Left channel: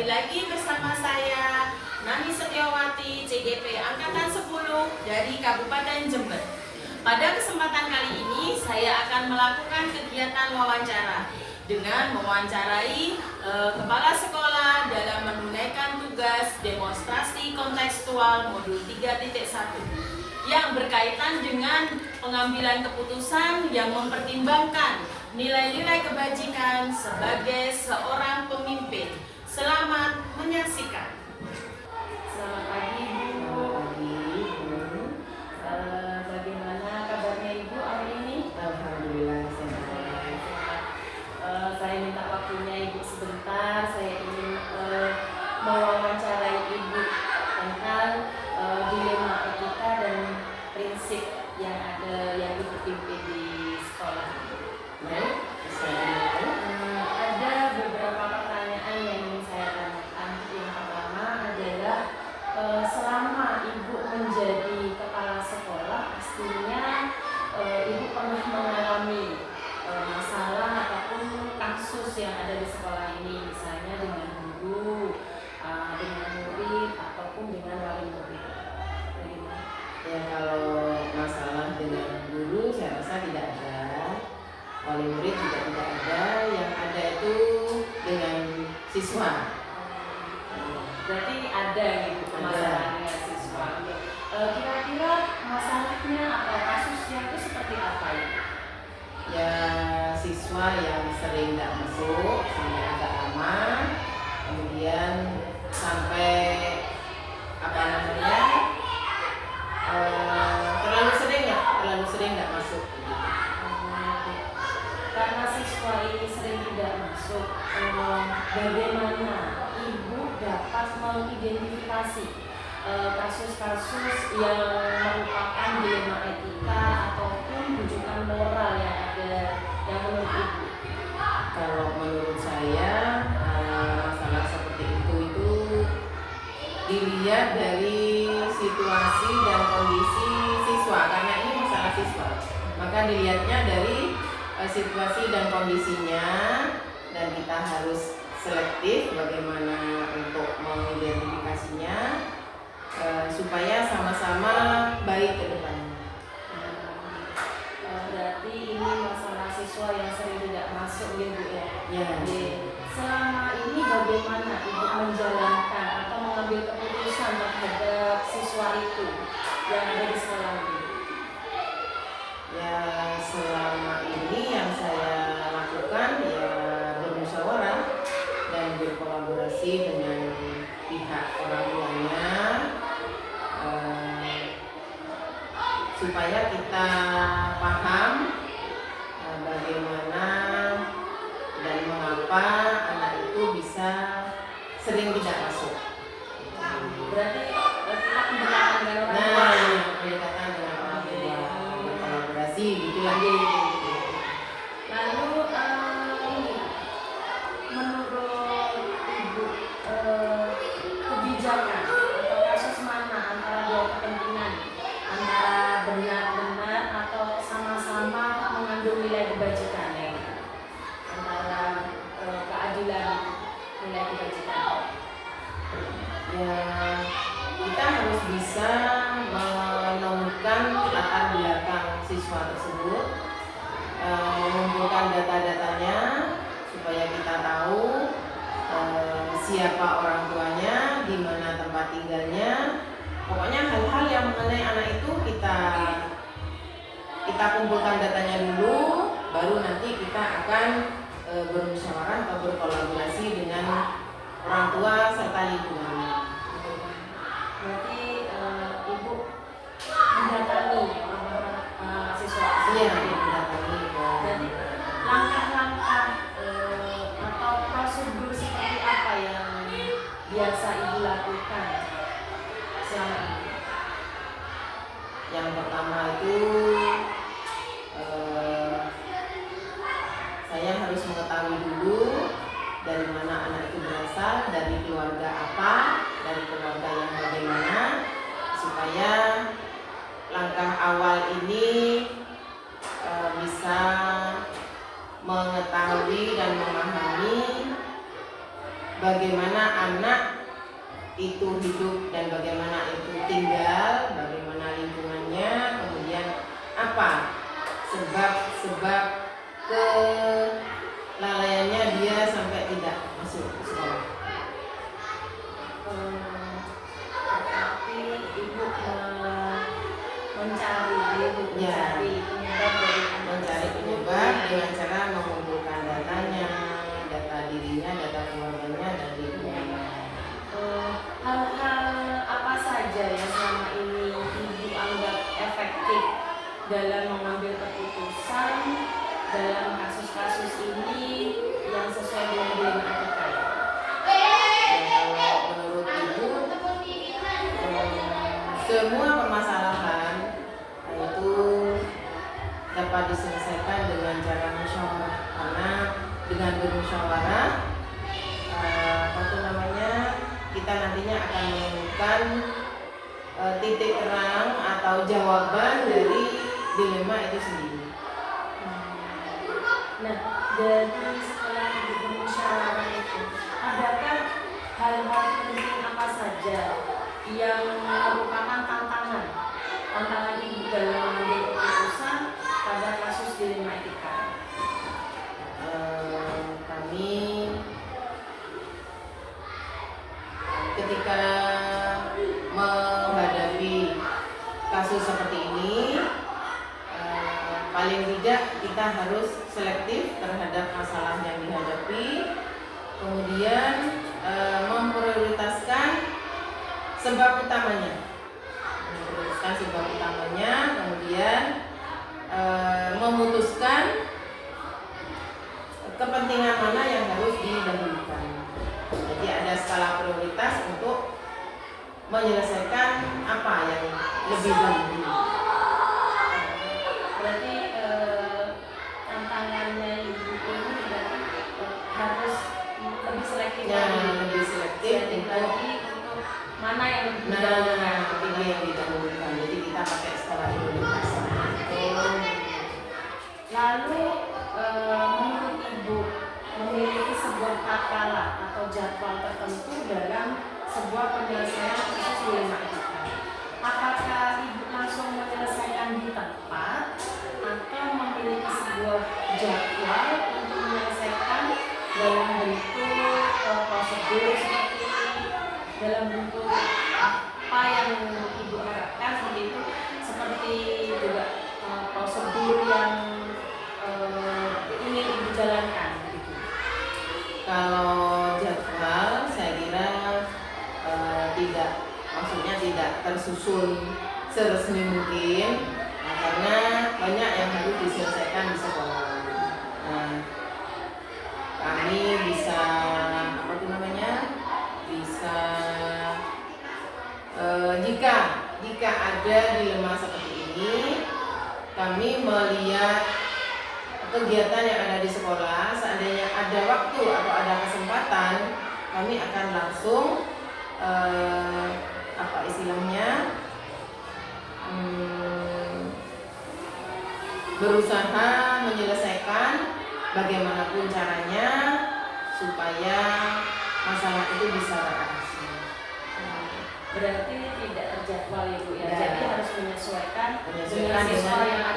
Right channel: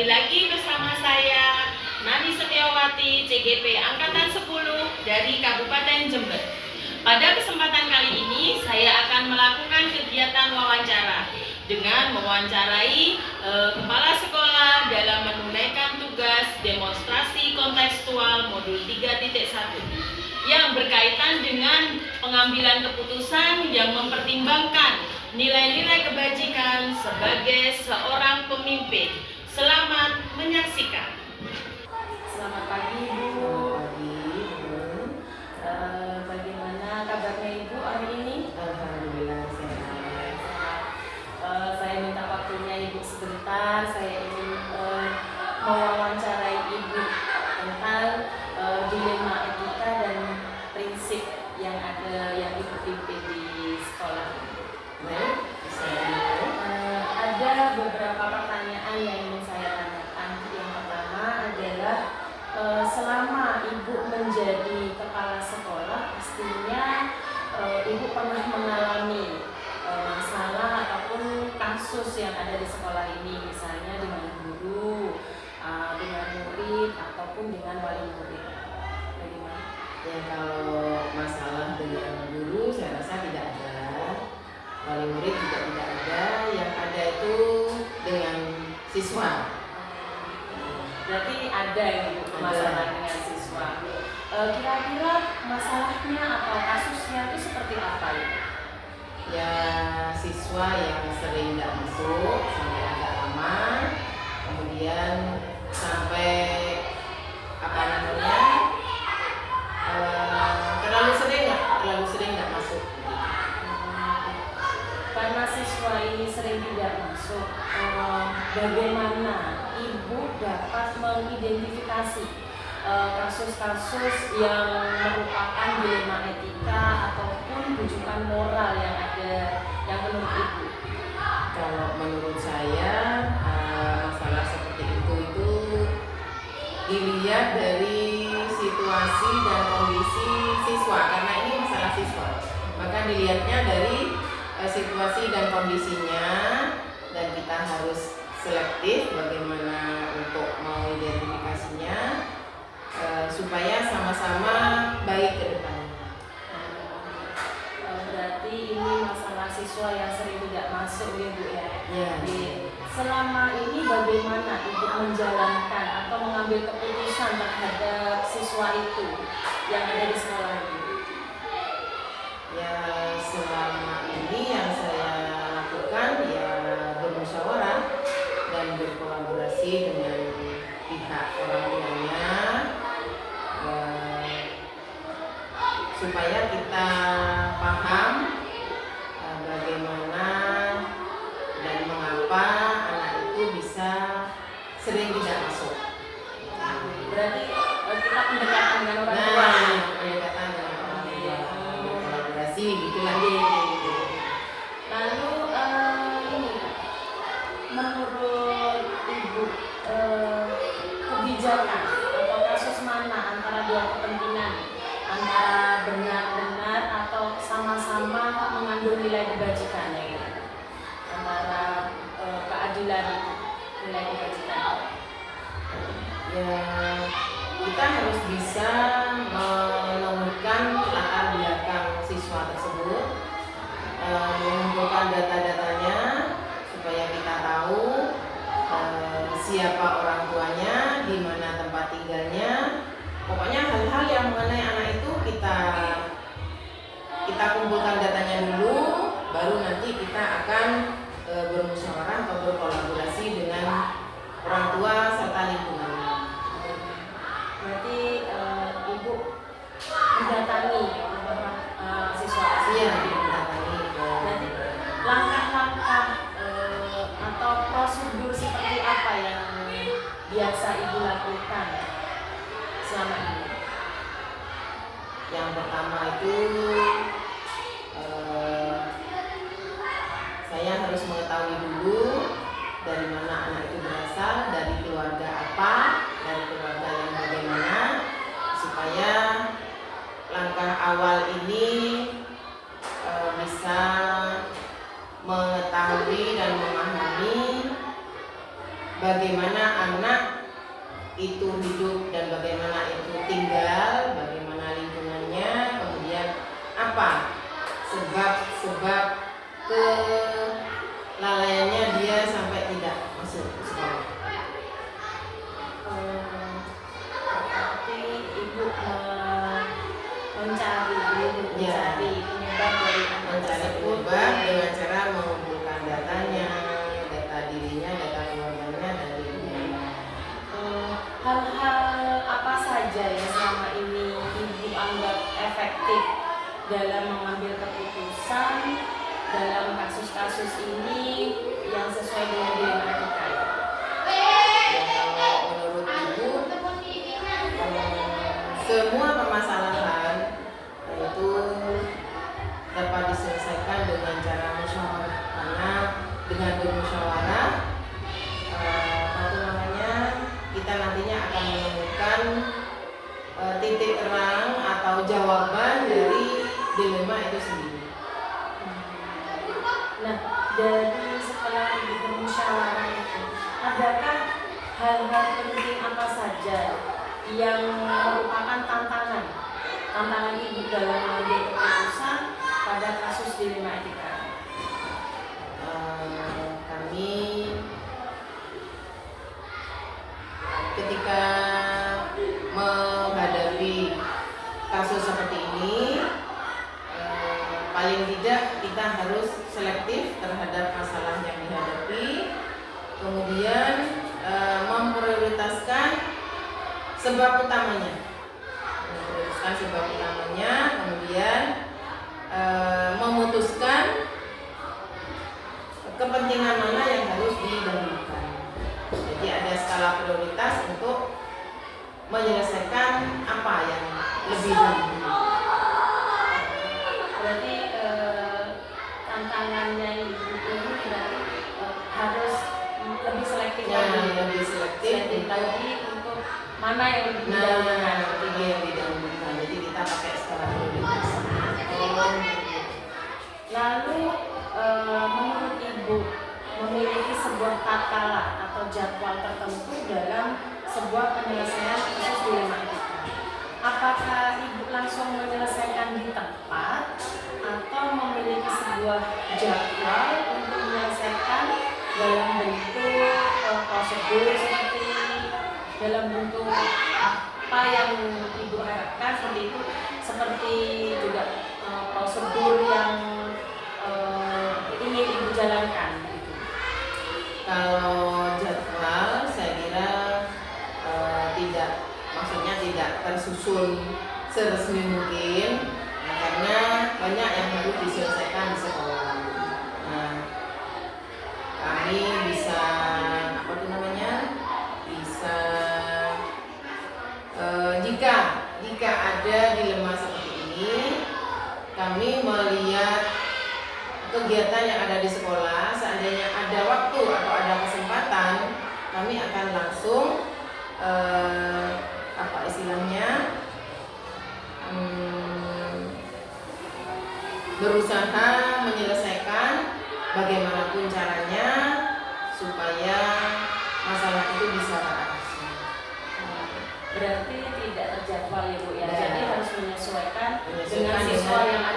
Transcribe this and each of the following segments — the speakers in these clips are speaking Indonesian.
Kembali lagi bersama saya Nani Setiawati, CGP Angkatan 10 dari Kabupaten Jember. Pada kesempatan kali ini saya akan melakukan kegiatan wawancara dengan mewawancarai kepala sekolah dalam menunaikan tugas demonstrasi kontekstual modul 3.1 yang berkaitan dengan pengambilan keputusan yang mempertimbangkan nilai-nilai kebajikan sebagai seorang pemimpin. Selamat menyaksikan. Selamat pagi Ibu. Bagaimana kabarnya Ibu hari ini? Alhamdulillah sehat. Saya minta waktunya Ibu sebentar. Saya ingin mewawancarai Ibu tentang dilema etika dan prinsip yang ada yang Ibu pimpin di sekolah. Ada beberapa pertanyaan yang ingin saya tanyakan. Yang pertama adalah selama Ibu menjadi kepala sekolah, pastinya Ibu pernah mengalami masalah ataupun kasus yang ada di sekolah ini, misalnya dengan guru, dengan murid ataupun dengan wali murid. Bagaimana? Ya, kalau masalah dengan guru saya rasa tidak ada, wali murid juga tidak ada, yang ada itu dengan siswa. Berarti ada gitu masalah dengan siswa. Kira-kira masalahnya atau kasusnya itu seperti apa ya? Ya, siswa yang sering tidak masuk sampai agak lama, kemudian sampai terlalu sering tidak masuk. Karena siswa ini sering tidak masuk, bagaimana Ibu dapat mengidentifikasi kasus-kasus yang merupakan dilema etika ataupun bujukan moral yang ada yang menurut Ibu? Kalau menurut saya masalah seperti itu dilihat dari situasi dan kondisi siswa, karena ini masalah siswa, maka dilihatnya dari situasi dan kondisinya, dan kita harus selektif bagaimana untuk mengidentifikasinya supaya sama-sama baik ke depannya. Berarti ini masalah siswa yang sering tidak masuk ya Bu ya? Ya. Selama ini bagaimana Ibu menjalankan atau mengambil keputusan terhadap siswa itu yang ada di sekolah ini? Ya, selama ini yang saya lakukan ya bermusyawarah dan berkolaborasi dengan pihak orang tuanya supaya kita paham bagaimana dan mengapa anak itu bisa sering tidak masuk. Berarti kita pendekatan dengan orang tua. Pendekatan dengan orang tua, berkolaborasi gitu lah. Lalu ini menurut Ibu kebijakan atau kasus mana antara dua kepentingan, antara benar-benar atau sama-sama mengandung nilai kebajikan ya, antara keadilan itu, nilai kebajikan? Ya, kita harus bisa menemukan latar belakang siswa tersebut, mengumpulkan data-datanya supaya kita tahu siapa orang tuanya, di mana tempat tinggalnya. Pokoknya hal-hal yang mengenai anak itu kita kumpulkan datanya dulu, baru nanti kita akan bermusyawarah atau berkolaborasi dengan orang tua serta lingkungan. Berarti Ibu mendatangi siswa. Iya, mendatangi. Berarti langkah-langkah atau prosedur seperti apa yang biasa Ibu lakukan selama ini? Yang pertama itu saya harus mengetahui dulu dari mana anak itu berasal, dari keluarga apa, dari keluarga yang bagaimana, supaya langkah awal ini bisa mengetahui dan memahami bagaimana anak itu hidup dan bagaimana itu tinggal, bagaimana lingkungannya, kemudian apa sebab-sebab kelalaiannya dia sampai tidak masuk ke sekolah. Berarti ibu mencari penyebab dari anak Mencari tersebut penyebab dengan cara mengumpulkan datanya, data dirinya, data keluarganya, dan dirinya. Hal-hal apa saja yang selama ini ibu anggap efektif dalam mengambil keputusan dalam kasus-kasus ini yang sesuai dengan dilema etika? Kalau menurut ibu, semua permasalahan itu dapat diselesaikan dengan cara musyawarah, karena dengan bermusyawarah kita nantinya akan menemukan titik terang atau jawaban dari dilema itu sendiri. Nah, dari setelah ibu bermusyawarah itu, adakah hal-hal penting apa saja yang merupakan tantangan ibu dalam mengambil keputusan pada kasus dilema etika? Kami ketika menghadapi kasus seperti ini, paling tidak kita harus selektif terhadap masalah yang dihadapi, kemudian memprioritaskan sebab utamanya, kemudian memutuskan kepentingan mana yang harus didahulukan. Jadi ada skala prioritas untuk menyelesaikan apa yang lebih dahulu. Berarti tantangannya ibu ini berarti harus lebih selektif lagi untuk mana yang didahulukan. Jadi kita pakai skala prioritas. Lalu menurut ibu memiliki sebuah takaran atau jadwal tertentu dalam sebuah penyelesaian kasus dilema etika. Apakah ibu langsung menyelesaikan di tempat atau memiliki sebuah jadwal untuk menyelesaikan dalam bentuk prosedur seperti dalam bentuk apa yang ibu harapkan seperti itu, seperti juga prosedur yang ingin ibu jalankan? Kalau jadwal saya kira tidak tersusun seresmi mungkin, karena banyak yang harus diselesaikan di sekolah. Kami bisa jika ada dilema seperti ini, kami melihat kegiatan yang ada di sekolah, seandainya ada waktu atau ada kesempatan, kami akan langsung berusaha menyelesaikan bagaimanapun caranya supaya masalah itu bisa teratasi. Berarti tidak terjadwal ya Bu ya. Jadi harus menyesuaikan dengan siswa yang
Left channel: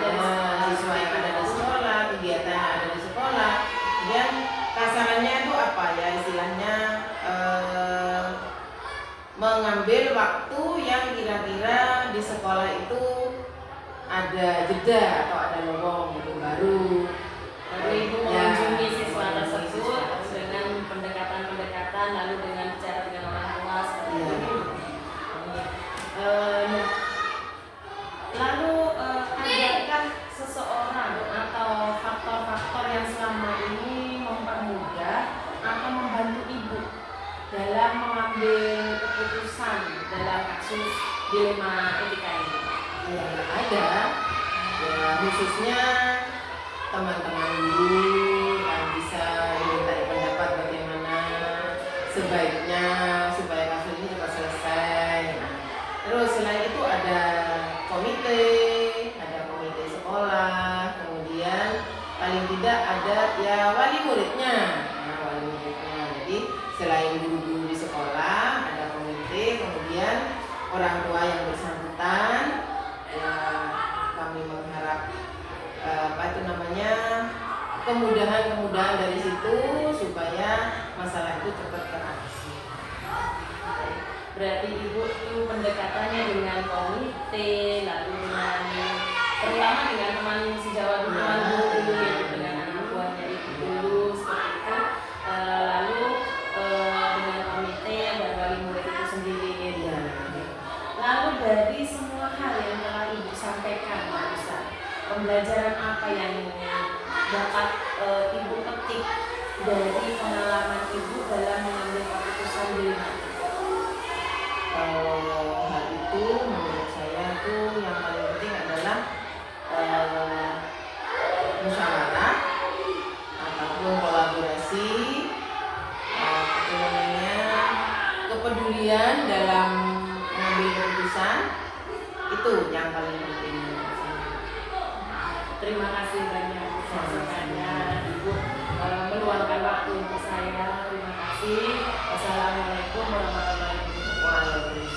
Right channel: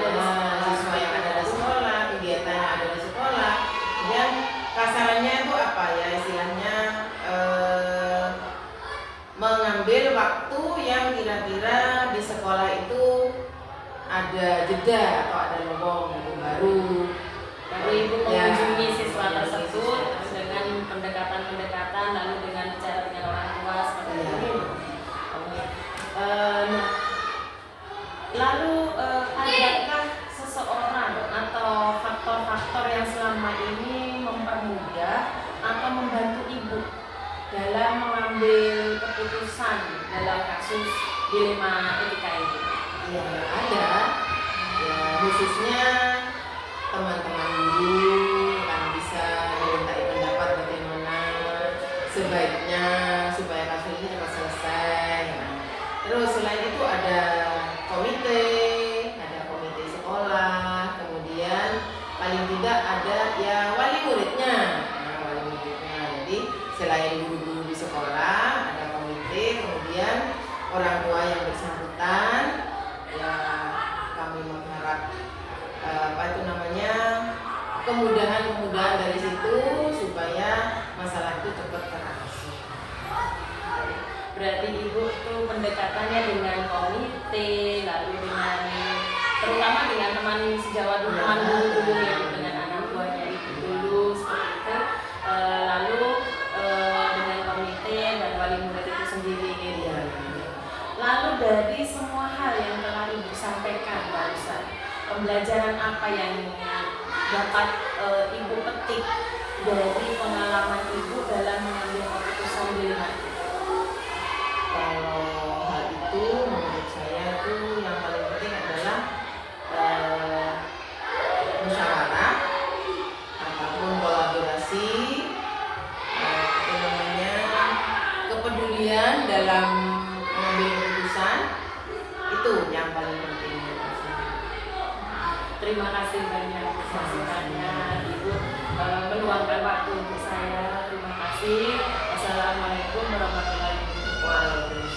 ada di sekolah, kegiatan yang ada di sekolah. Dan kasarannya itu apa ya, istilahnya mengambil waktu yang kira-kira di sekolah itu ada jeda atau ada lowong itu baru ibu mengunjungi siswa tersebut dengan pendekatan lalu dengan bicara dengan orang tua seperti ini. Lalu adakah seseorang atau faktor-faktor yang selama ini mempermudah atau membantu ibu dalam mengambil keputusan dalam kasus dilema etika ini? Ya ada, ya khususnya teman-teman guru kan bisa dimintai pendapat bagaimana sebaiknya supaya kasus ini cepat selesai. Terus selain itu ada komite sekolah, kemudian paling tidak ada ya wali muridnya. Jadi selain guru-guru di sekolah, ada komite, kemudian orang tua yang bersangkutan. Ya, kami mengharap kemudahan-kemudahan dari situ supaya masalah itu cepat teratasi. Berarti Ibu tuh pendekatannya dengan komite, lalu dengan terutama dengan teman sejawat teman guru, dengan anak buahnya Ibu dulu seperti itu, lalu dengan komite dan wali murid itu sendiri. Ya. Lalu dari semua hal yang telah Ibu sampaikan barusan, pembelajaran apa yang dapat Ibu petik dari pengalaman Ibu dalam mengambil keputusan di lima? Kalau hal itu menurut saya itu yang paling penting adalah musyawarah ataupun kolaborasi, kepedulian dalam mengambil keputusan, itu yang paling penting menurut saya. Terima kasih banyak kesempatan Ibu meluangkan waktu untuk saya. Terima kasih. Wassalamualaikum warahmatullahi wabarakatuh.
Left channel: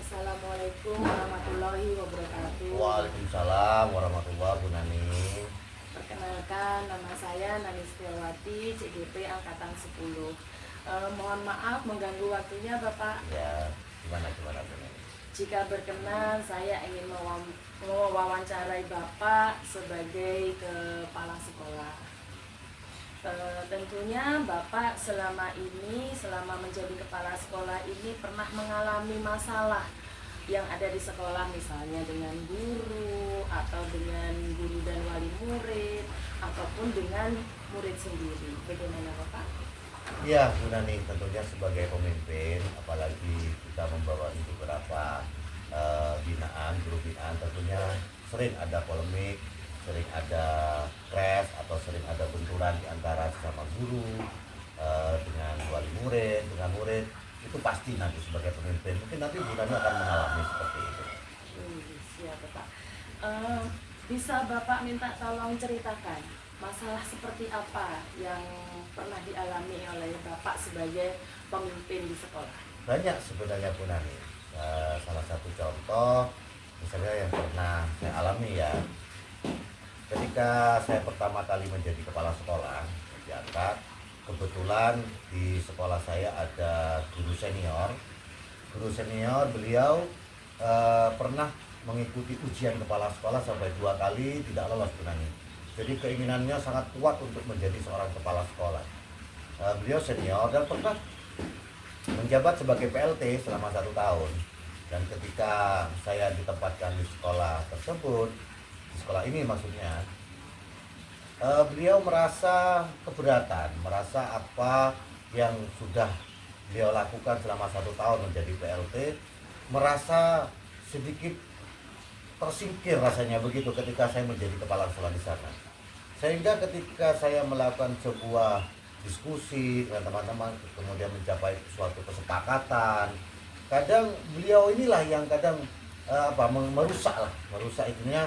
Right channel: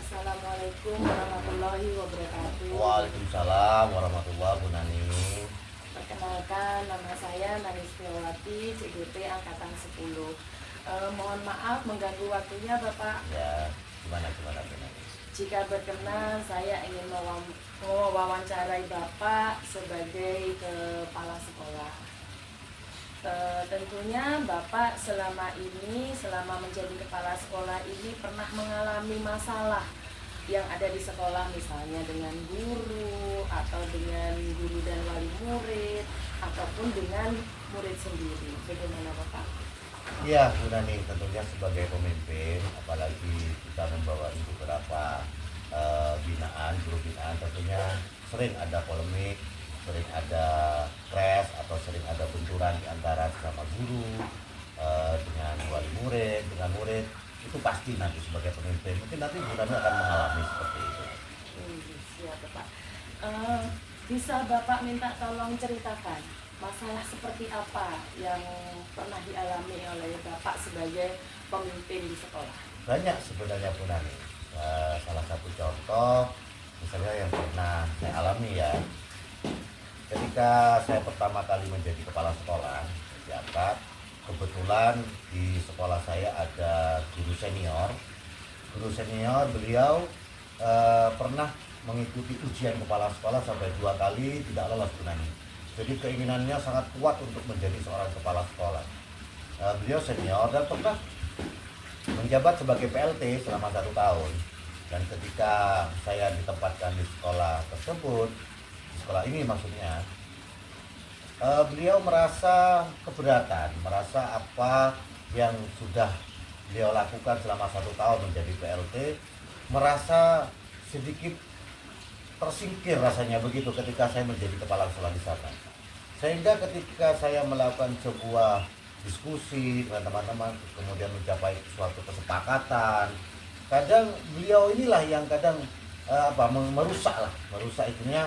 Assalamualaikum warahmatullahi wabarakatuh. Waalaikumsalam warahmatullahi wabarakatuh. Perkenalkan, nama saya Nani Setiawati, CGP Angkatan 10. Mohon maaf mengganggu waktunya Bapak. Ya, gimana Bu Nani? Jika berkenan, saya ingin mewawancarai Bapak sebagai kepala sekolah. Tentunya Bapak selama menjadi kepala sekolah ini pernah mengalami masalah yang ada di sekolah, misalnya dengan guru atau dengan guru dan wali murid ataupun dengan murid sendiri. Bagaimana Bapak? Iya Bu Nani, tentunya sebagai pemimpin, apalagi kita membawa beberapa grup binaan, tentunya sering ada polemik, sering ada crash atau sering ada benturan di antara sesama guru dengan wali murid, dengan murid. Itu pasti nanti sebagai pemimpin, mungkin nanti Bu Nani akan mengalami seperti itu. Siap Bapak. Bisa Bapak minta tolong ceritakan masalah seperti apa yang pernah dialami oleh Bapak sebagai pemimpin di sekolah? Banyak sebenarnya Bu Nani. Salah satu contoh misalnya yang pernah saya alami ya, ketika saya pertama kali menjadi kepala sekolah diangkat, kebetulan di sekolah saya ada guru senior. Beliau pernah mengikuti ujian kepala sekolah sampai 2 kali tidak lolos Bu Nani. Jadi keinginannya sangat kuat untuk menjadi seorang kepala sekolah. Beliau senior dan pernah menjabat sebagai PLT selama 1 tahun. Dan ketika saya ditempatkan di sekolah tersebut, di sekolah ini maksudnya, beliau merasa keberatan, merasa apa yang sudah beliau lakukan selama 1 tahun menjadi PLT, merasa sedikit tersingkir rasanya begitu ketika saya menjadi kepala sekolah di sana. Sehingga ketika saya melakukan sebuah diskusi dengan teman-teman, kemudian mencapai suatu kesepakatan, kadang beliau inilah yang kadang merusak itunya,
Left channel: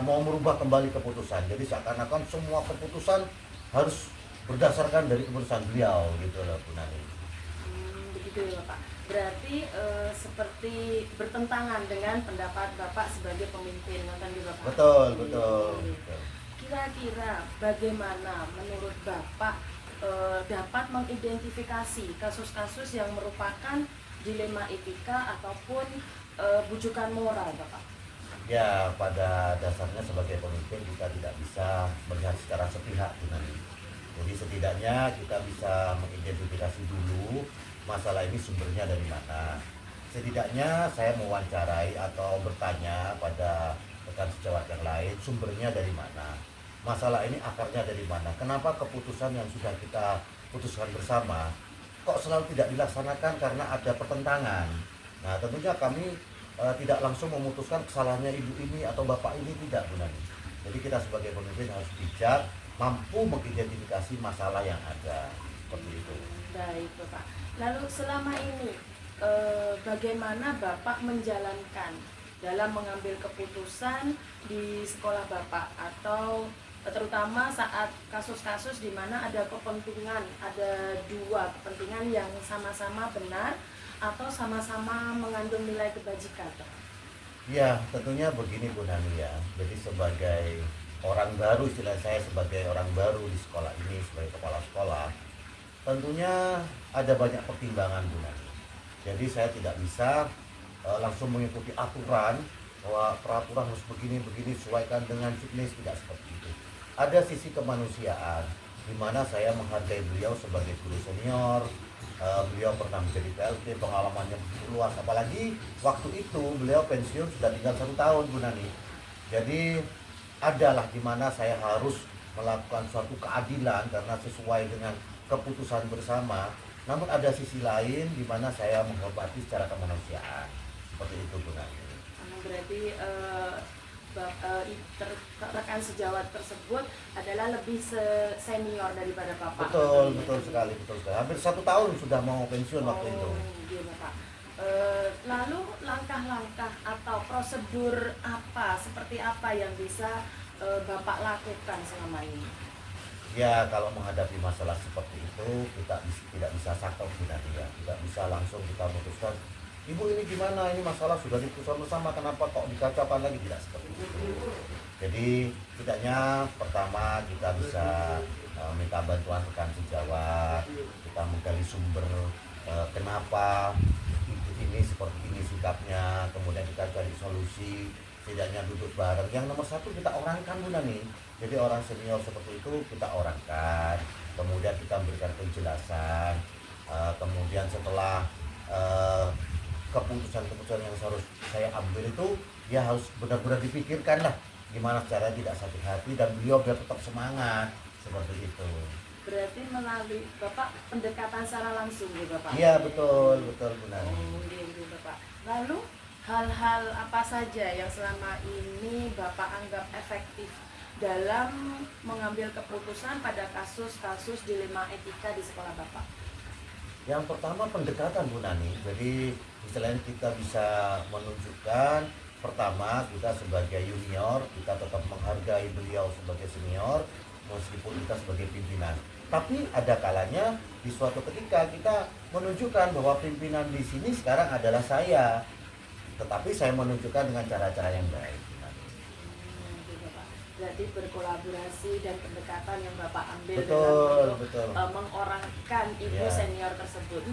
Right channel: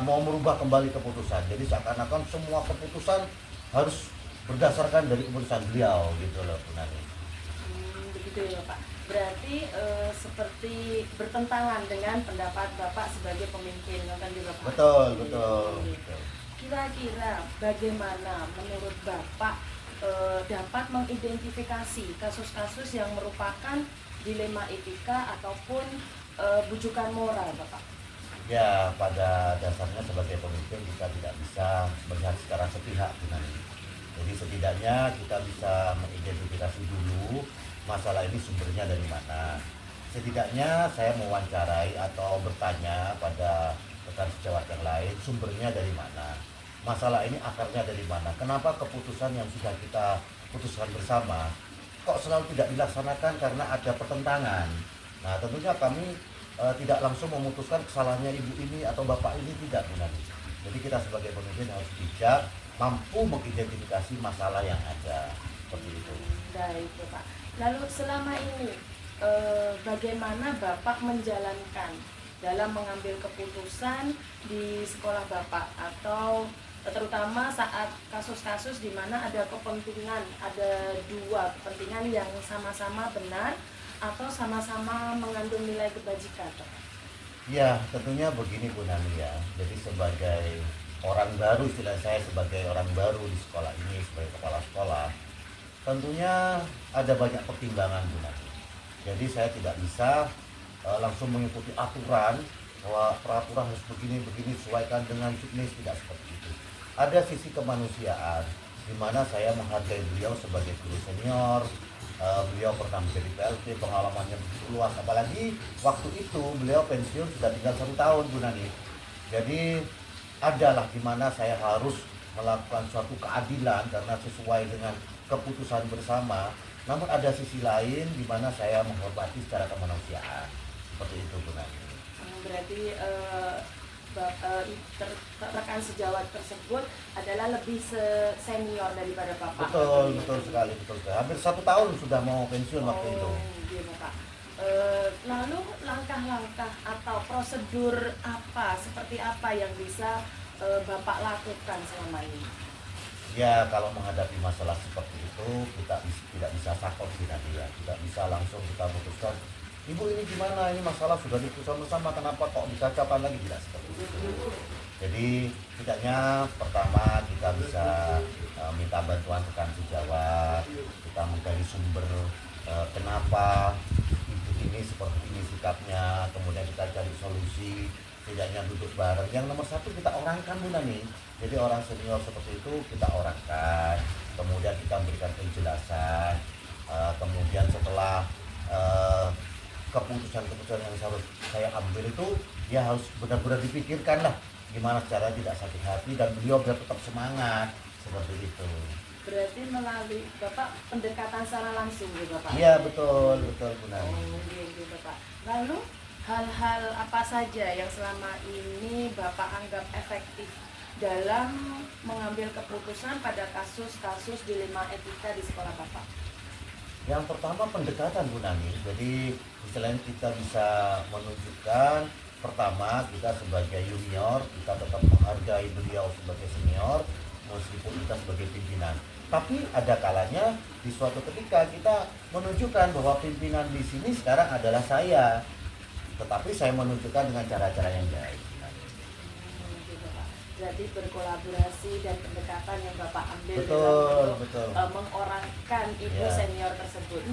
mau merubah kembali keputusan. Jadi seakan-akan semua keputusan harus berdasarkan dari keputusan beliau gitu loh Bu Nani. Begitu ya Bapak. Berarti seperti bertentangan dengan pendapat Bapak sebagai pemimpin, kan juga Pak? Betul. Kira-kira bagaimana menurut Bapak dapat mengidentifikasi kasus-kasus yang merupakan dilema etika ataupun bujukan moral Bapak? Ya, pada dasarnya sebagai pemimpin kita tidak bisa melihat secara sepihak Bu Nani. Jadi setidaknya kita bisa mengidentifikasi dulu masalah ini sumbernya dari mana. Setidaknya saya mewawancarai atau bertanya pada rekan sejawat yang lain, sumbernya dari mana, masalah ini akarnya dari mana, kenapa keputusan yang sudah kita putuskan bersama kok selalu tidak dilaksanakan karena ada pertentangan. Nah tentunya kami tidak langsung memutuskan kesalahannya ibu ini atau bapak ini, tidak Bu Nani. Jadi kita sebagai pemimpin harus bijak, mampu mengidentifikasi masalah yang ada, seperti itu. Baik Bapak. Lalu selama ini bagaimana Bapak menjalankan dalam mengambil keputusan di sekolah Bapak, atau terutama saat kasus-kasus di mana ada kepentingan, ada dua kepentingan yang sama-sama benar atau sama-sama mengandung nilai kebajikan, Pak. Ya, tentunya begini Bu Nani ya. Jadi sebagai orang baru, istilah saya sebagai orang baru di sekolah ini, sebagai kepala sekolah, tentunya ada banyak pertimbangan Bu Nani. Jadi saya tidak bisa langsung mengikuti aturan bahwa peraturan harus begini sesuaikan dengan juknis, tidak seperti itu. Ada sisi kemanusiaan di mana saya menghargai beliau sebagai guru senior. Beliau pernah menjadi PLT, pengalamannya begitu luas, apalagi waktu itu beliau pensiun sudah tinggal 1 tahun Bu Nani. Jadi adalah di mana saya harus melakukan suatu keadilan karena sesuai dengan keputusan bersama. Namun ada sisi lain di mana saya menghormati secara kemanusiaan. Seperti itu Bu Nani. Berarti rekan sejawat tersebut adalah lebih senior daripada Bapak. Betul sekali. Hampir 1 tahun sudah mau pensiun waktu itu. Iya Bapak. Lalu langkah-langkah atau prosedur seperti apa yang bisa Bapak lakukan selama ini? Ya, kalau menghadapi masalah seperti itu kita tidak bisa sakau Bu Nani ya. Tidak bisa langsung kita memutuskan, Ibu ini gimana, ini masalah sudah diputuskan bersama, kenapa kok dikacaukan lagi, tidak seperti itu. Jadi setidaknya pertama kita bisa minta bantuan rekan sejawat, kita menggali sumber kenapa ibu ini seperti ini sikapnya, kemudian kita cari solusi, setidaknya duduk bareng. Yang nomor satu kita orangkan Bu Nani. Jadi orang senior seperti itu kita orangkan, kemudian kita berikan penjelasan, kemudian setelah keputusan-keputusan yang harus saya ambil itu ya harus benar-benar dipikirkan lah gimana cara tidak sakit hati dan beliau biar tetap semangat seperti itu. Berarti melalui Bapak pendekatan secara langsung ya Bapak? Iya betul Bu Nani. Iya Bapak. Lalu hal-hal apa saja yang selama ini Bapak anggap efektif dalam mengambil keputusan pada kasus-kasus dilema etika di sekolah Bapak? Yang pertama pendekatan Bu Nani. Jadi selain kita bisa menunjukkan, pertama kita sebagai junior kita tetap menghargai beliau sebagai senior meskipun kita sebagai pimpinan. Tapi ada kalanya di suatu ketika kita menunjukkan bahwa pimpinan di sini sekarang adalah saya, tetapi saya menunjukkan dengan cara-cara yang baik. Berarti berkolaborasi dan pendekatan yang Bapak ambil betul. Mengorangkan ibu senior tersebut.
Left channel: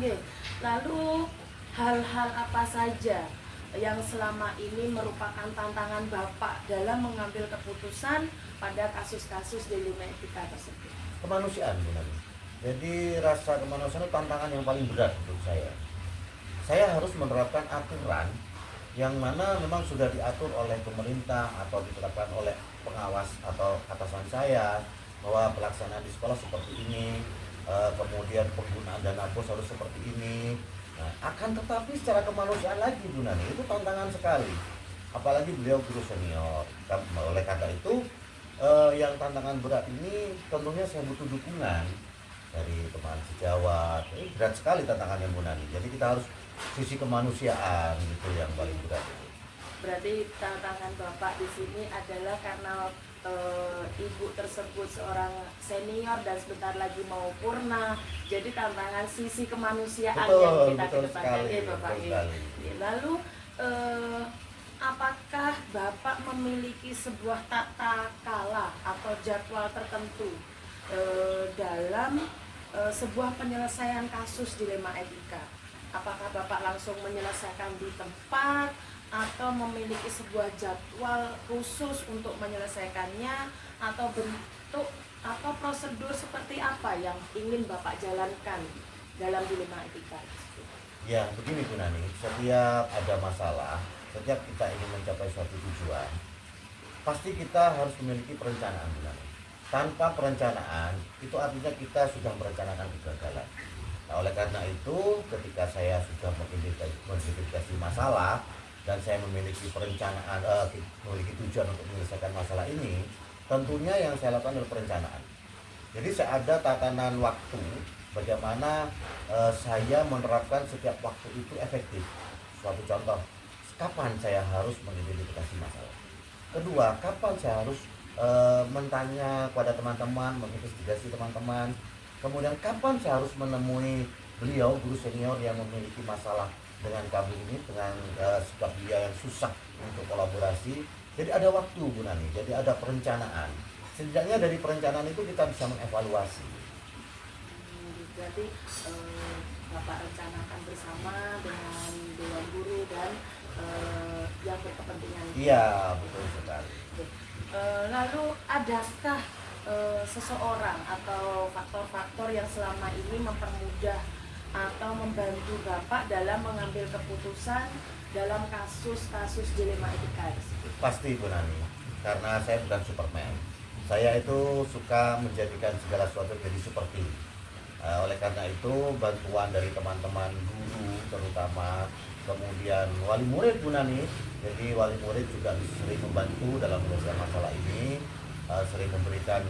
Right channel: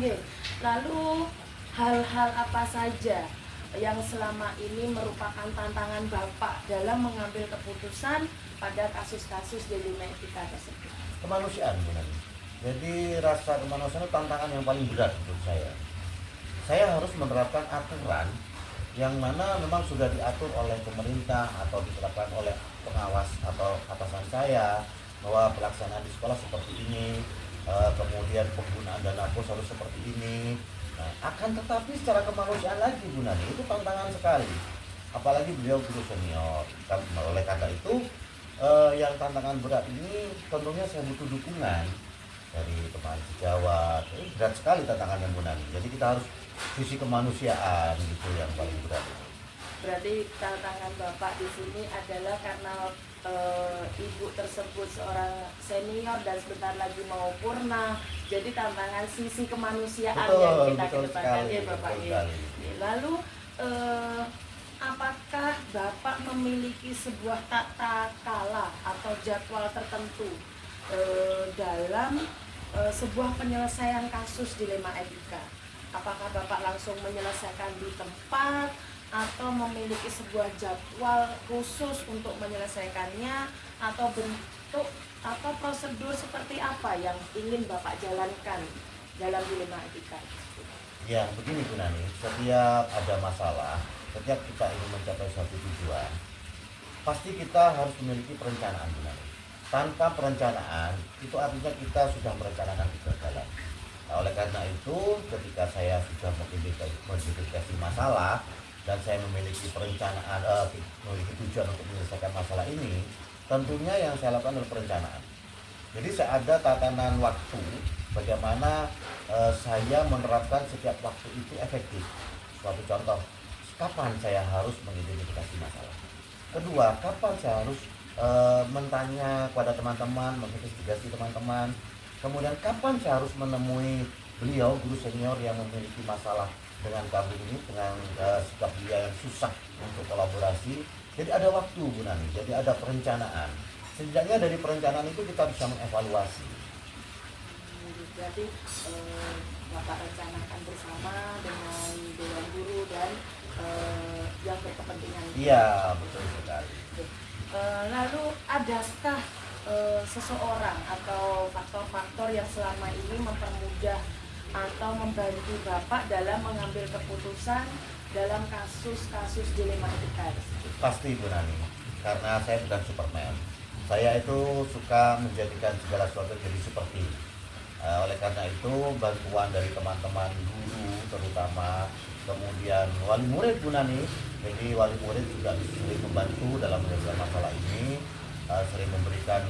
Lalu hal-hal apa saja yang selama ini merupakan tantangan Bapak dalam mengambil keputusan pada kasus-kasus dilema etika tersebut? Kemanusiaan Bu Nani. Jadi rasa kemanusiaan itu tantangan yang paling berat menurut saya. Saya harus menerapkan aturan yang mana memang sudah diatur oleh pemerintah atau ditetapkan oleh pengawas atau atasan saya bahwa pelaksanaan di sekolah seperti ini, kemudian penggunaan dana pos harus seperti ini. Nah, akan tetapi secara kemanusiaan lagi Bu Nani itu tantangan sekali. Apalagi beliau guru senior. Oleh karena itu yang tantangan berat ini tentunya saya butuh dukungan dari teman sejawat. Ini berat sekali tantangannya Bu Nani. Jadi kita harus sisi kemanusiaan itu yang paling berat. Berarti tantangan Bapak di sini adalah karena ibu tersebut seorang senior dan sebentar lagi mau purna. Jadi tantangan sisi kemanusiaan yang kita kedepankan ya Bapak. Lalu apakah Bapak memiliki sebuah tata kala atau jadwal tertentu dalam sebuah penyelesaian kasus dilema etika? Apakah Bapak langsung menyelesaikan di tempat atau memiliki sebuah jadwal khusus untuk menyelesaikannya, atau bentuk atau prosedur seperti apa yang ingin Bapak jalankan dalam dilema etika? Ya begini Bu Nani, setiap ada masalah, setiap kita ingin mencapai suatu tujuan, pasti kita harus memiliki perencanaan Bu Nani. Tanpa perencanaan itu artinya kita sudah merencanakan kegagalan. Nah, oleh karena itu ketika saya sudah mengidentifikasi masalah dan saya memiliki perencanaan, memiliki tujuan untuk menyelesaikan masalah ini, tentunya yang saya lakukan adalah perencanaan. Jadi saya ada tatanan waktu bagaimana saya menerapkan setiap waktu itu efektif. Suatu contoh, kapan saya harus mengidentifikasi masalah. Kedua, kapan saya harus mentanya kepada teman-teman, menginvestigasi teman-teman. Kemudian kapan saya harus menemui beliau, guru senior yang memiliki masalah dengan kami ini, dengan sikap dia yang susah untuk kolaborasi. Jadi ada waktu Bu Nani, jadi ada perencanaan. Setidaknya dari perencanaan itu kita bisa mengevaluasi. Berarti Bapak rencanakan bersama dengan Dewan Guru dan yang berkepentingan. Iya, betul sekali. Lalu adakah seseorang atau faktor-faktor yang selama ini mempermudah atau membantu Bapak dalam mengambil keputusan dalam kasus-kasus dilema etika tersebut? Pasti Bu Nani, karena saya bukan Superman. Saya itu suka menjadikan segala sesuatu jadi seperti. Oleh karena itu bantuan dari teman-teman guru terutama, kemudian wali murid Bu Nani. Jadi wali murid juga sering membantu dalam menyelesaikan masalah ini, sering memberikan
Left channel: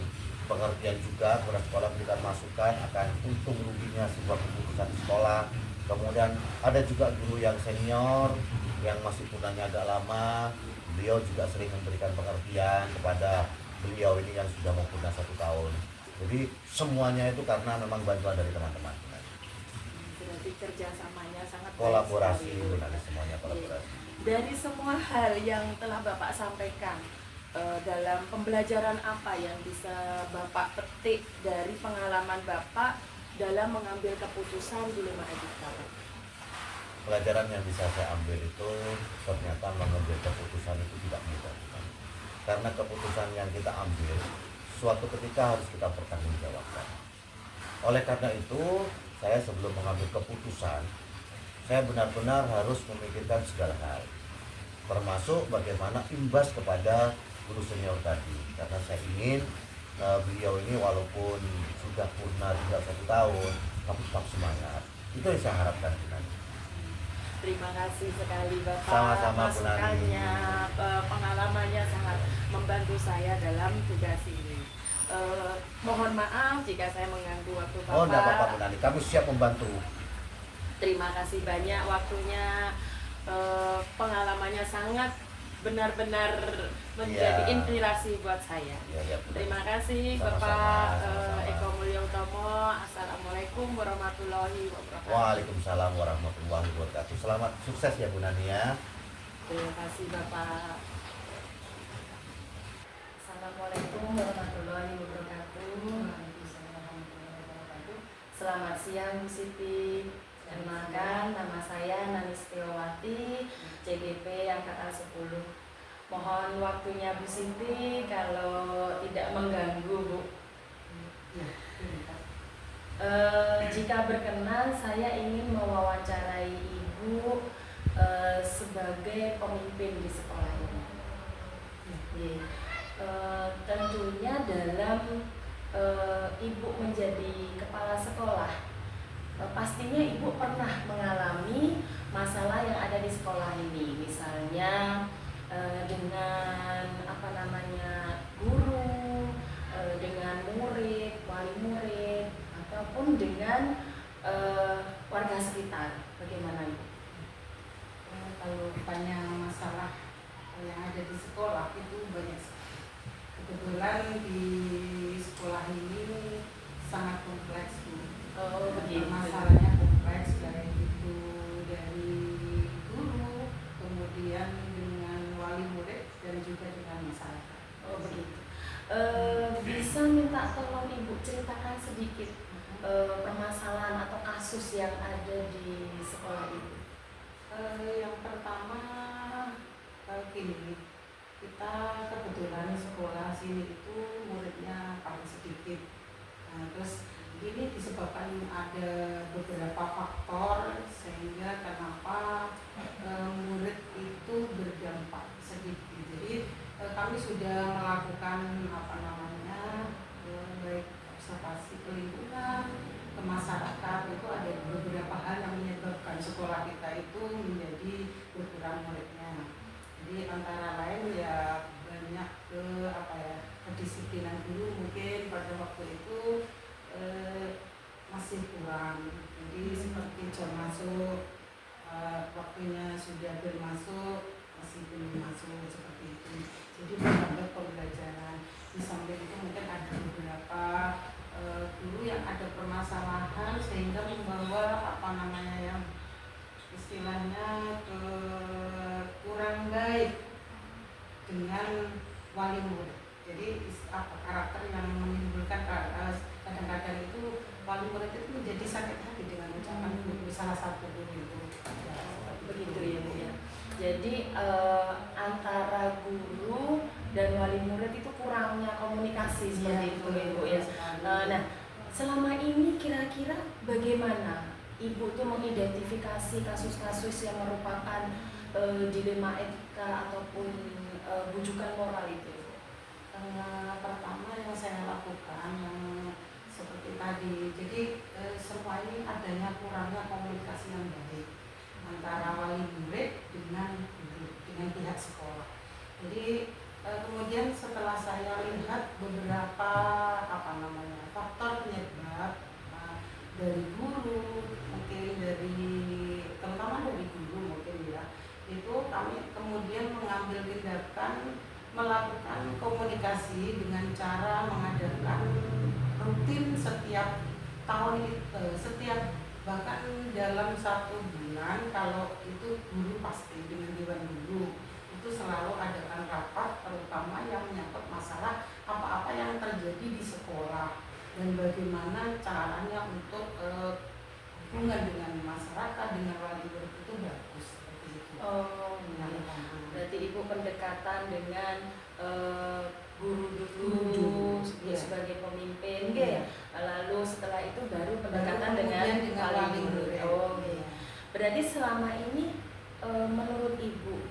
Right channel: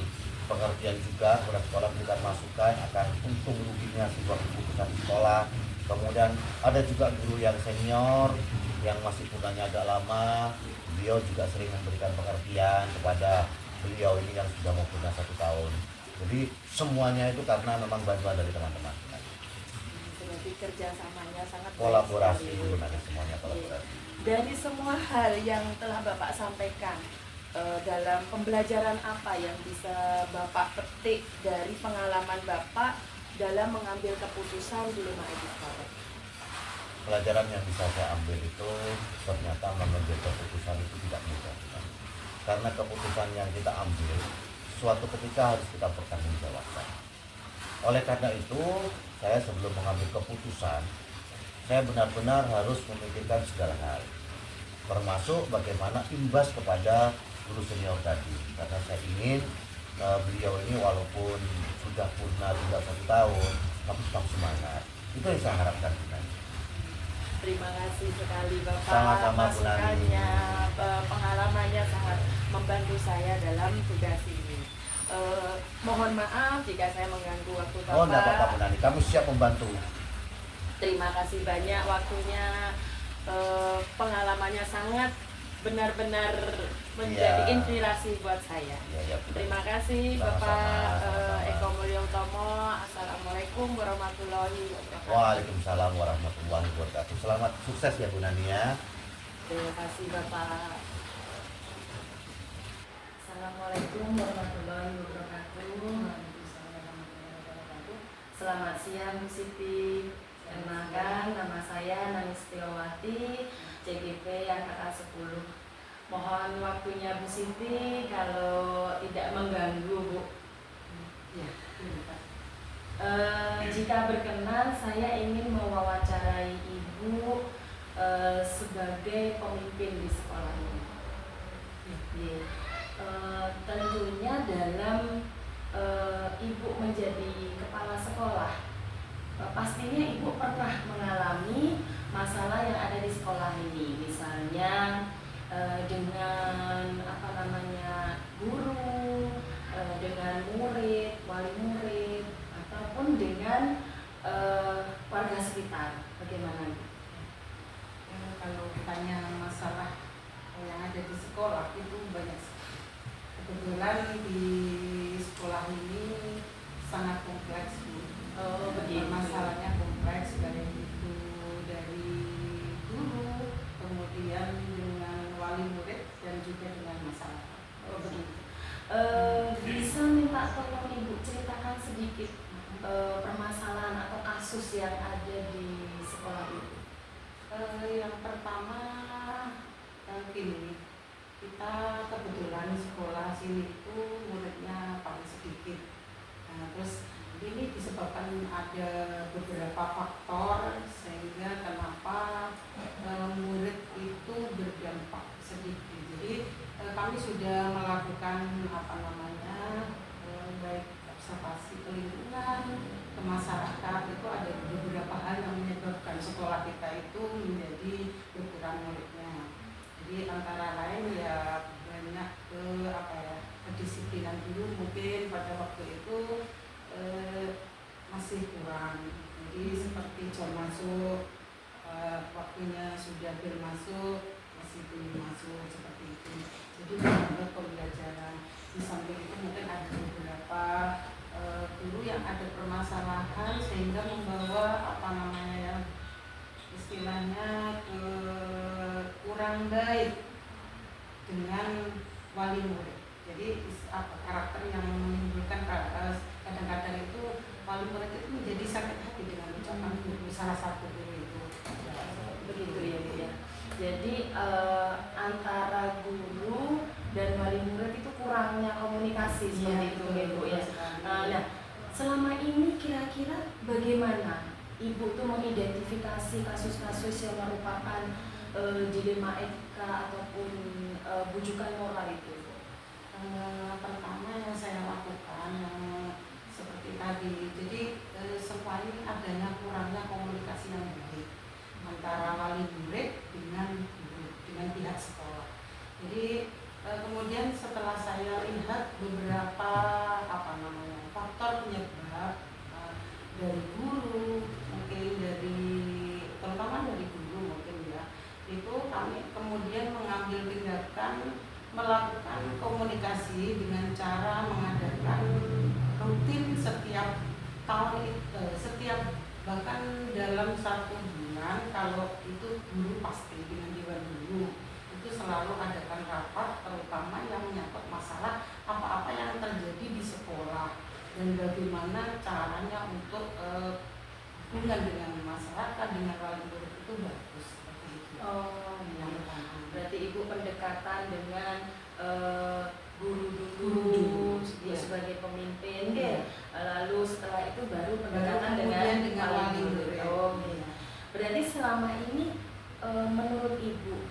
pengertian juga kepada sekolah, memberikan masukan akan untung ruginya sebuah keputusan di sekolah. Kemudian ada juga guru yang senior yang masih punanya agak lama, beliau juga sering memberikan pengertian kepada beliau ini yang sudah mau punah 1 tahun. Jadi semuanya itu karena memang bantuan dari teman-teman. Berarti kerjasamanya sangat Kolaborasi, baik sekali. semuanya kolaborasi. Dari semua hal yang telah Bapak sampaikan, dalam pembelajaran apa yang bisa Bapak petik dari pengalaman Bapak dalam mengambil keputusan dilema etika? Pelajaran yang bisa saya ambil itu ternyata mengambil keputusan itu tidak mudah. Karena keputusan yang kita ambil suatu ketika harus kita pertanggungjawabkan. Oleh karena itu, saya sebelum mengambil keputusan, saya benar-benar harus memikirkan segala hal, termasuk bagaimana imbas kepada guru senior tadi. Karena saya ingin beliau ini walaupun sudah purna tinggal 1 tahun, tapi tetap semangat. Itu yang saya harapkan. Terima kasih sekali Bapak. Sama-sama, Bu Nani. Masukannya, pengalamannya sangat membantu saya dalam tugas ini. Mohon maaf jika saya mengganggu waktu Bapak. Oh, enggak apa-apa Bu Nani, kamu siap membantu. Terima kasih banyak waktunya. Pengalamannya sangat benar-benar menjadi inspirasi buat saya. Ya, Terima kasih Sama-sama, Bapak sama-sama. Eko Mulyotomo. Assalamualaikum warahmatullahi wabarakatuh. Waalaikumsalam warahmatullahi wabarakatuh. Selamat sukses ya Bu Nani ya. Terima kasih Bapak. Assalamualaikum warahmatullahi wabarakatuh. Selamat siang Bu Siti. Kenalkan, nama saya Nani Setiawati, CGP Angkatan 10. Mohon waktunya Bu Siti kalau tidak mengganggu Bu. Ya, jika berkenan saya ingin mewawancarai Ibu sebagai pemimpin di sekolah ini. Tentunya dalam Ibu menjadi kepala sekolah, pastinya Ibu pernah mengalami masalah yang ada di sekolah ini, misalnya dengan guru, dengan murid, wali murid, ataupun dengan warga sekitar. Bagaimana Ibu? Kalau tanya masalah yang ada di sekolah itu banyak. Kebetulan di sekolah ini sangat kompleks Bu. Oh, begitu. Masalahnya kompleks, baik itu dari guru, kemudian dengan wali murid dan juga dengan masyarakat. Oh, begitu. Bisa minta tolong Ibu ceritakan sedikit permasalahan atau kasus yang ada di sekolah Ibu. Yang pertama gini, kita kebetulan sekolah sini itu muridnya paling sedikit. Nah, terus ini disebabkan ada beberapa faktor sehingga kenapa murid itu berdampak sedikit. Jadi kami sudah melakukan baik observasi ke lingkungan, ke masyarakat, itu ada beberapa hal yang menyebabkan sekolah kita itu menjadi berkurang muridnya. Jadi antara lain ya banyak kedisiplinan dulu mungkin pada waktu itu masih kurang. Jadi seperti jam masuk, waktunya sudah bermasuk masih belum masuk seperti itu. jadi menghambat pembelajaran. Di samping itu mungkin ada beberapa guru yang ada permasalahan sehingga membawa istilahnya kurang baik dengan wali murid. Jadi karakter yang menimbulkan kadang-kadang itu wali murid itu menjadi sakit hati dengan ucapan guru, salah satu guru itu. Ya, Begitu ya Bu ya. Jadi antara guru dan wali murid itu kurangnya komunikasi seperti itu ya Bu ya. Nah, selama ini kira-kira bagaimana Ibu tuh mengidentifikasi kasus-kasus yang merupakan dilema etika ataupun bujukan moral itu? Pertama yang saya lakukan yang seperti tadi, jadi semua ini adanya kurangnya komunikasi yang baik antara wali murid dengan guru, dengan pihak sekolah. Jadi kemudian setelah saya lihat beberapa faktor penyebab dari guru, mungkin terutama dari guru mungkin ya, itu kami kemudian mengambil tindakan melakukan komunikasi dengan cara mengadakan rutin setiap tahun setiap bahkan dalam 1 bulan, kalau itu guru pasti dengan dewan guru itu selalu adakan rapat terutama yang menyangkut masalah apa-apa yang terjadi di sekolah dan bagaimana caranya untuk hubungan dengan masyarakat, dengan wali murid itu bagus seperti itu. Oh, berarti Ibu pendekatan dengan guru dulu sebagai pemimpin, lalu setelah itu baru pendekatan dengan wali murid. Oh, berarti selama ini menurut Ibu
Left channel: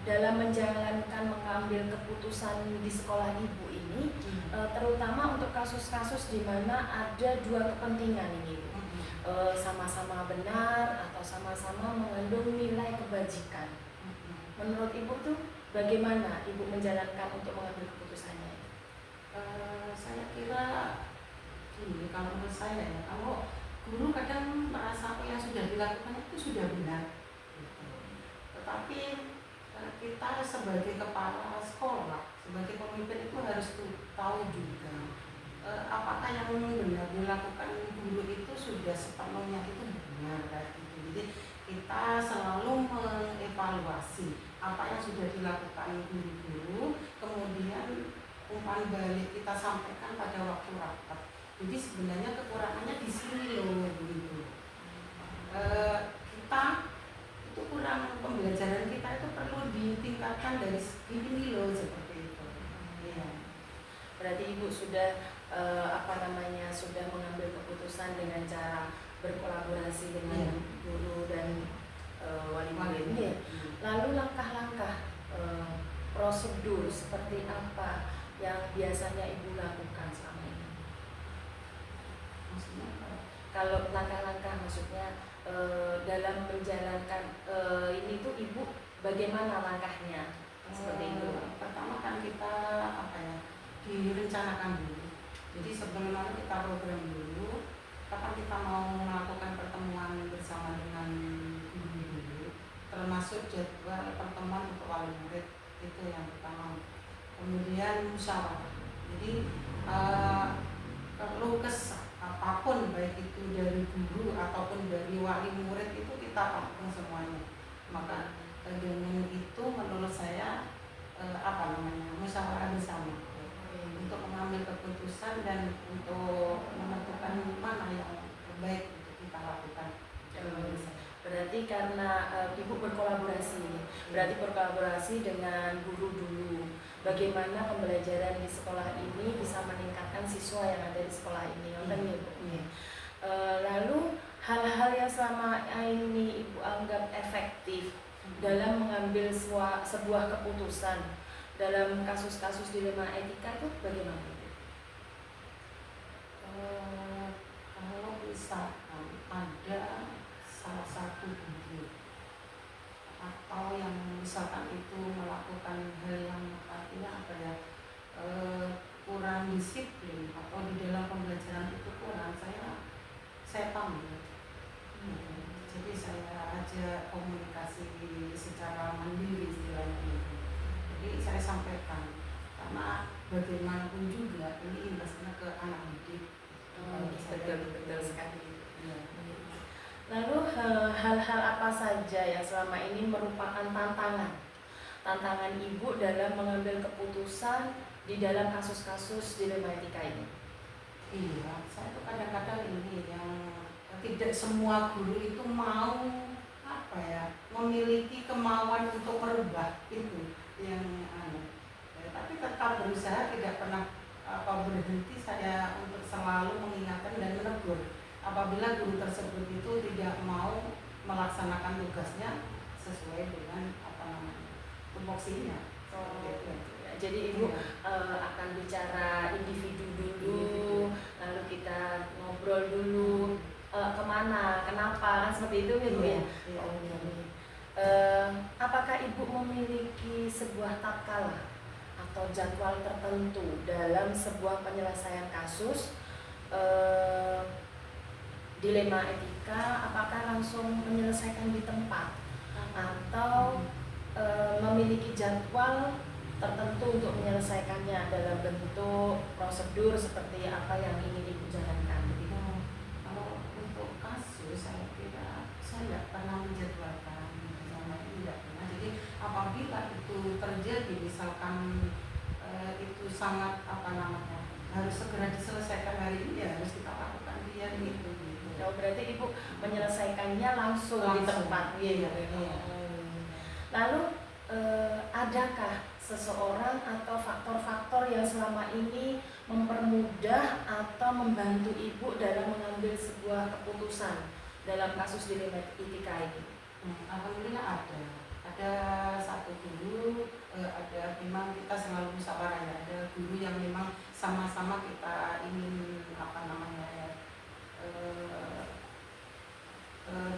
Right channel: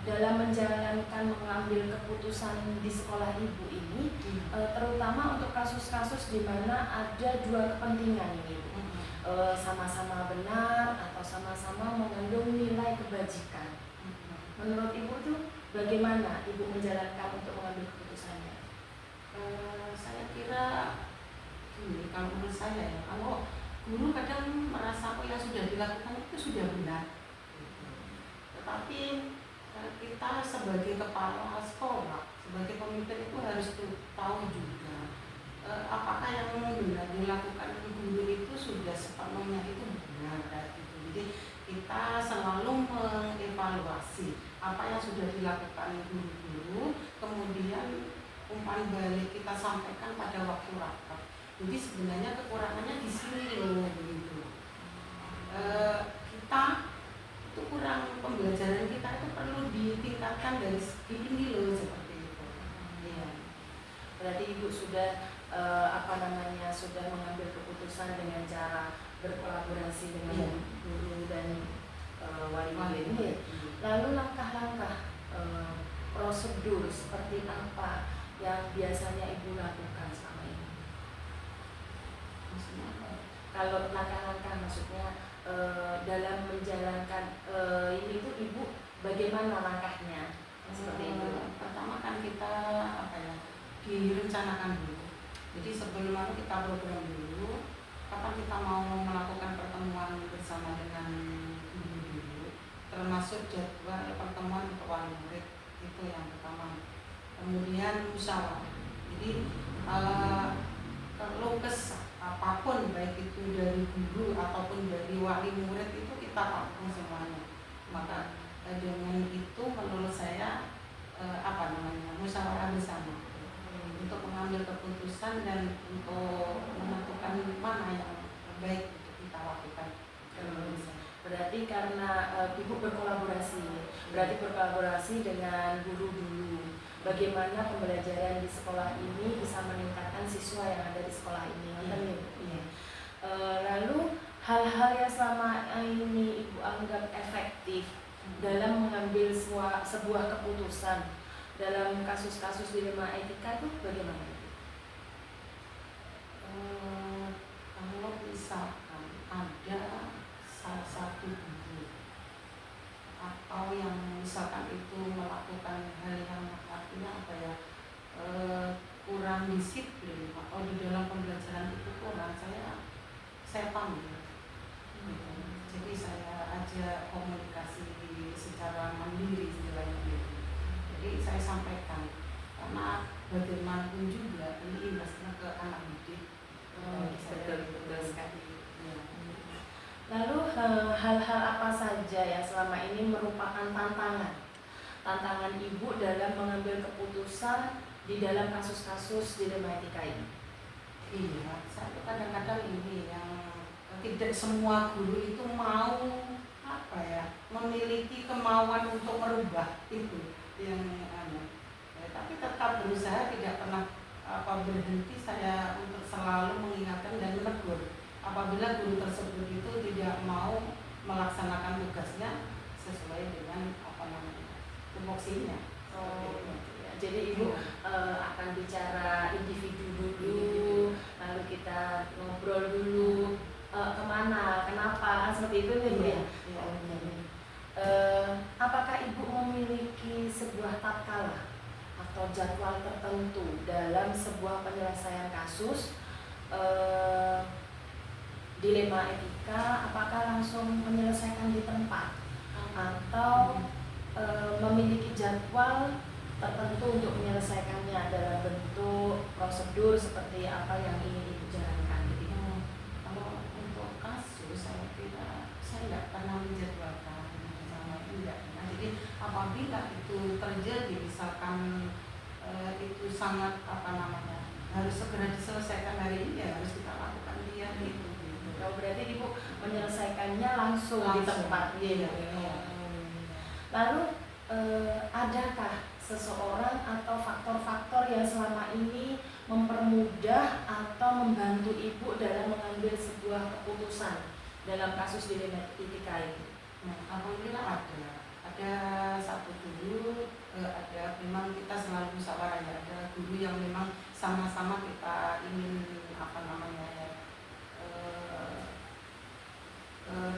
dalam menjalankan mengambil keputusan di sekolah Ibu ini, terutama untuk kasus-kasus di mana ada dua kepentingan ini Bu, sama-sama benar atau sama-sama mengandung nilai kebajikan. Menurut Ibu tuh bagaimana Ibu menjalankan untuk mengambil keputusannya? Saya kira gini, kalau menurut saya ya, kalau guru kadang merasa apa yang sudah dilakukan itu sudah benar, tetapi kita sebagai kepala sekolah, sebagai pemimpin itu harus tahu juga apakah yang benar dilakukan guru itu sudah sepenuhnya itu benar gitu. Jadi kita selalu mengevaluasi apa yang sudah dilakukan guru-guru, kemudian umpan balik kita sampaikan pada waktu rapat. Jadi sebenarnya kekurangannya di sini loh begitu. Kita itu kurang, pembelajaran kita itu perlu ditingkatkan dari ini loh seperti itu. Ya. Berarti Ibu sudah sudah mengambil keputusan dengan cara berkolaborasi dengan guru dan wali murid. Lalu langkah-langkah prosedur seperti apa yang biasanya Ibu lakukan selama ini? Maksudnya apa? Kalau langkah-langkah maksudnya dalam menjalankan ini tuh Ibu bagaimana langkahnya seperti itu? Pertama kan kita direncanakan dulu. Jadi sebelum kita program dulu, kapan kita mau melakukan pertemuan bersama dengan guru dulu, termasuk jadwal pertemuan untuk wali murid itu yang pertama. Kemudian musyawarah. Jadi kalau apapun baik itu dari guru ataupun dari wali murid itu kita rangkum semuanya. Maka dengan itu menurut saya musyawarah bersama untuk mengambil keputusan dan untuk menentukan mana yang terbaik untuk kita lakukan. Berarti karena Ibu berkolaborasi dengan guru dulu. Bagaimana pembelajaran di sekolah ini bisa meningkatkan siswa yang ada di sekolah ini, lalu hal-hal yang selama ini Ibu anggap efektif dalam mengambil sebuah keputusan dalam kasus-kasus dilema etika itu bagaimana Ibu? Kalau misalkan ada salah satu guru atau yang misalkan itu melakukan hal yang kurang disiplin atau di dalam pembelajaran itu kurang, saya panggil. Jadi saya ajak komunikasi secara mandiri istilahnya gitu. Jadi saya sampaikan karena bagaimanapun juga ini imbasnya ke anak didik. Betul sekali. Ya. Lalu hal-hal apa saja yang selama ini merupakan tantangan ibu dalam mengambil keputusan di dalam kasus-kasus dilema etika ini? Iya, saya tuh kadang-kadang ini yang tidak semua guru itu mau apa ya, memiliki kemauan untuk merubah itu yang tapi tetap berusaha, tidak pernah berhenti saya untuk selalu mengingatkan dan menegur apabila guru tersebut itu tidak mau melaksanakan tugasnya sesuai dengan tupoksinya. Jadi ibu akan bicara individu dulu, lalu kita ngobrol dulu kemana, kenapa, kan seperti itu ya bu ya. Apakah ibu memiliki sebuah tatkala atau jadwal tertentu dalam sebuah penyelesaian kasus dilema etika? Apakah langsung menyelesaikan di tempat atau memiliki jadwal tertentu untuk menyelesaikannya dalam bentuk prosedur seperti apa yang ingin ibu jalankan? Kalau untuk kasus saya nggak pernah menjadwalkan, tidak pernah. Jadi apabila itu terjadi, misalkan itu sangat harus segera diselesaikan hari ini, ya harus kita lakukan dia gitu. Oh, berarti ibu menyelesaikannya langsung di tempat. Iya. Lalu adakah seseorang atau faktor-faktor yang selama ini mempermudah atau membantu ibu dalam mengambil sebuah keputusan dalam kasus dilema etika ini? Alhamdulillah ada satu guru, ada memang kita selalu musyawarah ya, ada guru yang memang sama-sama kita ingin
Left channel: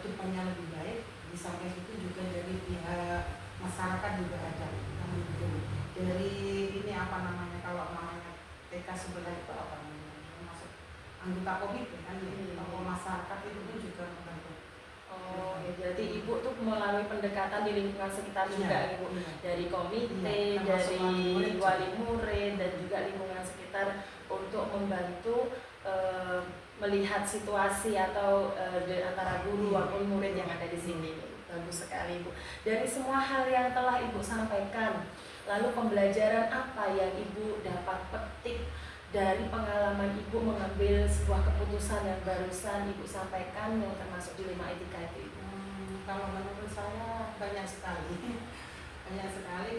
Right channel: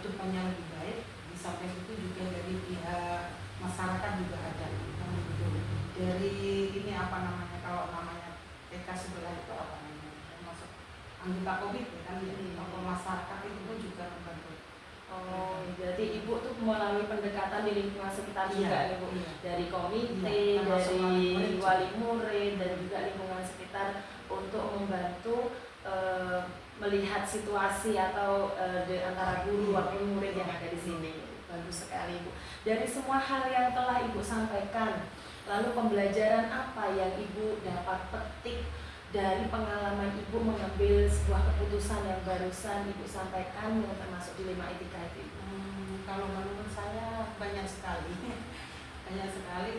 tujuannya lebih baik. Di samping itu juga dari pihak masyarakat juga ada yang begitu. Dari ini kalau namanya TK sebelah itu termasuk anggota komite kan, tokoh masyarakat itu pun juga membantu. Oh, berarti ibu tuh melalui pendekatan di lingkungan sekitar juga ibu, dari komite, dari wali murid dan juga lingkungan sekitar untuk membantu melihat situasi atau di antara guru maupun murid yang ada di sini. Bagus sekali ibu. Dari semua hal yang telah ibu sampaikan, lalu pembelajaran apa yang ibu dapat petik dari pengalaman ibu mengambil sebuah keputusan yang barusan ibu sampaikan yang termasuk dilema etika itu? Kalau menurut saya banyak sekali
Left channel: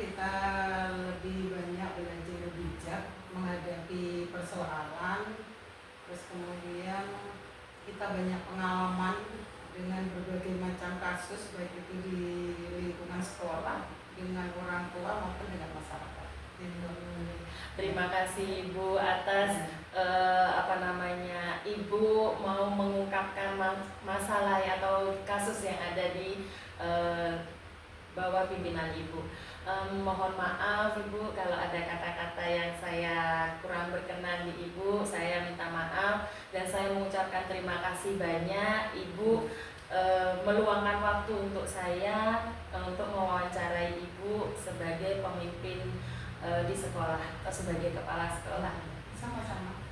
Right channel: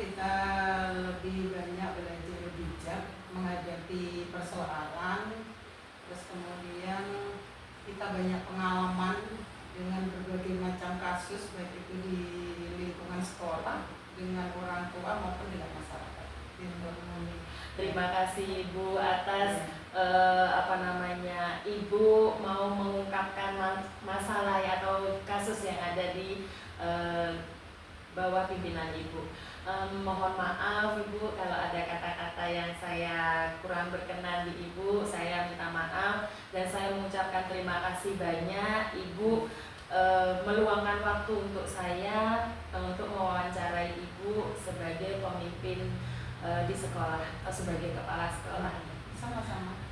kita lebih banyak belajar bijak menghadapi persoalan, terus kemudian kita banyak pengalaman dengan berbagai macam kasus, baik itu di lingkungan sekolah, dengan orang tua maupun dengan masyarakat. Terima kasih Ibu atas Ibu mau mengungkapkan masalah atau kasus yang ada di bawah pimpinan Ibu. Mohon maaf Ibu kalau ada kata-kata yang saya kurang berkenan di Ibu, saya minta maaf dan saya mengucapkan terima kasih banyak Ibu meluangkan waktu untuk saya untuk mewawancarai Ibu sebagai pemimpin di sekolah atau sebagai kepala sekolah. Sama-sama.